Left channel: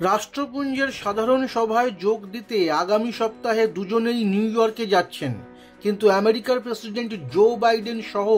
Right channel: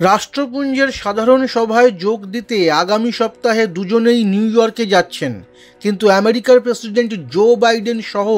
রাষ্ট্রপুঞ্জের সাধারণ সভায় যোগ দিতে আগামী সপ্তাহে দুজনেই নিউ ইয়র্কে যাচ্ছেন। কিন্তু আমেরিকার প্রেসিডেন্ট জো বাইডেন সহ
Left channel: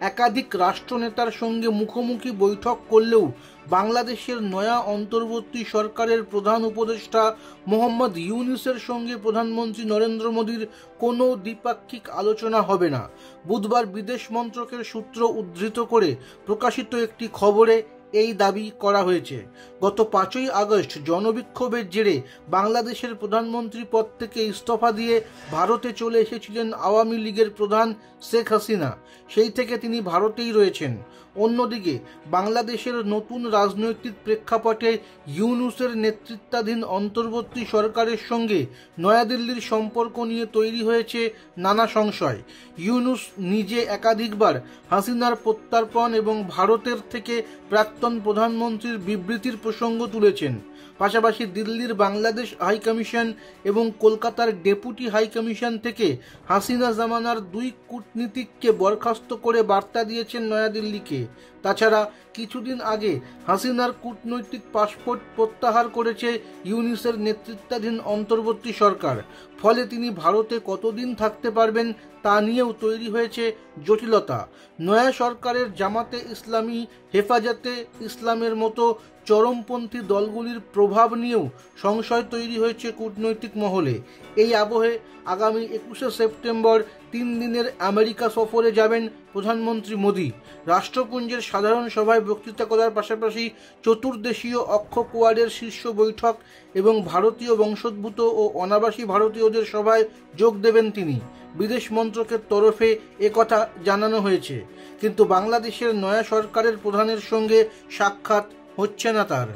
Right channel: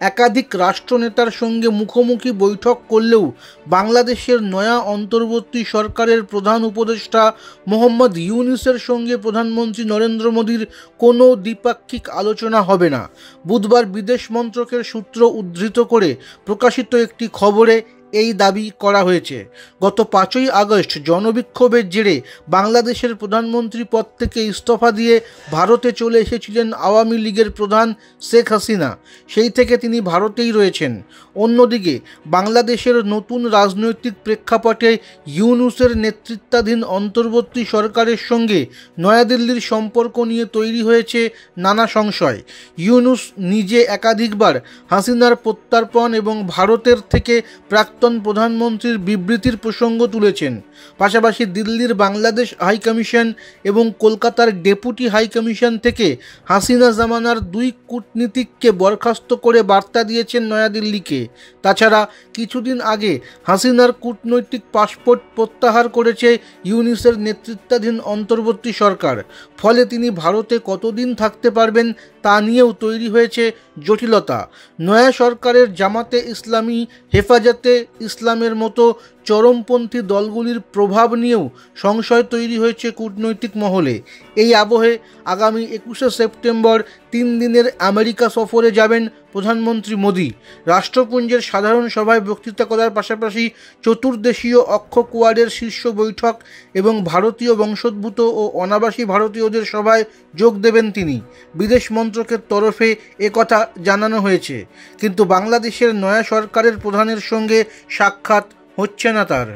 একাধিক রাষ্ট্রনেতার সঙ্গে মুখোমুখি বৈঠক করলেও বাংলাদেশের নয়া অন্তর্বর্তী সরকারের প্রধান উপদেষ্টা মোহাম্মদ ইউনূসের সঙ্গে প্রধানমন্ত্রী নরেন্দ্র মোদীর কোনো দ্বিপাক্ষিক আলোচনা হবে না। বুধবার বিদেশ মন্ত্রকের সূত্র উদ্ধৃত করে প্রকাশিত একটি খবরে এই দাবি করা হয়েছে। গত 5ই আগস্ট জনবিক্ষোভের জেরে বাংলাদেশের প্রধানমন্ত্রী পদ থেকে ইস্তফা দিয়ে ভারতে চলে এসেছিলেন আওয়ামী লীগের প্রধান শেখ হাসিনা। সেই থেকে তিনি ভারতেই রয়েছেন। অন্যদিকে বাংলাদেশের নতুন রাজনৈতিক প্রেক্ষাপটে ইউনূসের নেতৃত্বাধীন অন্তর্বর্তী সরকারের সঙ্গে নয়াদিল্লির সম্পর্ক নিয়ে তৈরি হয়েছে নানা সংশয়। ইউনূস নিজে একাধিকবার হাসিনার প্রত্যর্পণ এবং ভারতের থেকে প্রাক্তন প্রধানমন্ত্রীর বিবৃতির প্রসঙ্গ তুলেছেন। পাশাপাশি দিল্লির বাংলাদেশ হাইকমিশন এবং কলকাতার ডেপুটি হাইকমিশন থেকে হাসিনা জামানার 2 কূটনীতিককে বরখাস্ত করে বার্তা দিয়েছেন নয়াদিল্লিকে। তাছাড়া কিছুদিন আগে হাসিনার কূটনৈতিক পাসপোর্ট প্রত্যাহার করেছে ইউনূসের নেতৃত্বাধীন অন্তর্বর্তী সরকার। ফলে তিনি ভারতে কতদিন থাকতে পারবেন তা নিয়েও তৈরি হয়েছে জটিলতা। নয়া সরকারের জামাতে ইসলামী, হেফাজতে ইসলামের মতো চরমপন্থী দলগুলির প্রভাব নিয়েও সংশয় তৈরি হয়েছে কূটনৈতিক মহলে। এই আবহে আগামী 21শে সেপ্টেম্বর 3 দিনের আমেরিকা সফরে যাবেন প্রধানমন্ত্রী মোদী। রাষ্ট্রপুঞ্জের সাধারণ সভায় বক্তৃতা করার পাশাপাশি চতুর্দেশীয় অক্ষ কোয়াডের শীর্ষ বৈঠক এবং ভারতীয় বংশোদ্ভূত ও অনাবাসী ভারতীয়দের সভায় যোগ দেবেন তিনি। বিদেশ মন্ত্রকের তরফে একথা জানানো হয়েছে। কিন্তু বাংলাদেশের নয়া সরকারের প্রধানের সঙ্গে সাক্ষাৎ হচ্ছে না তার।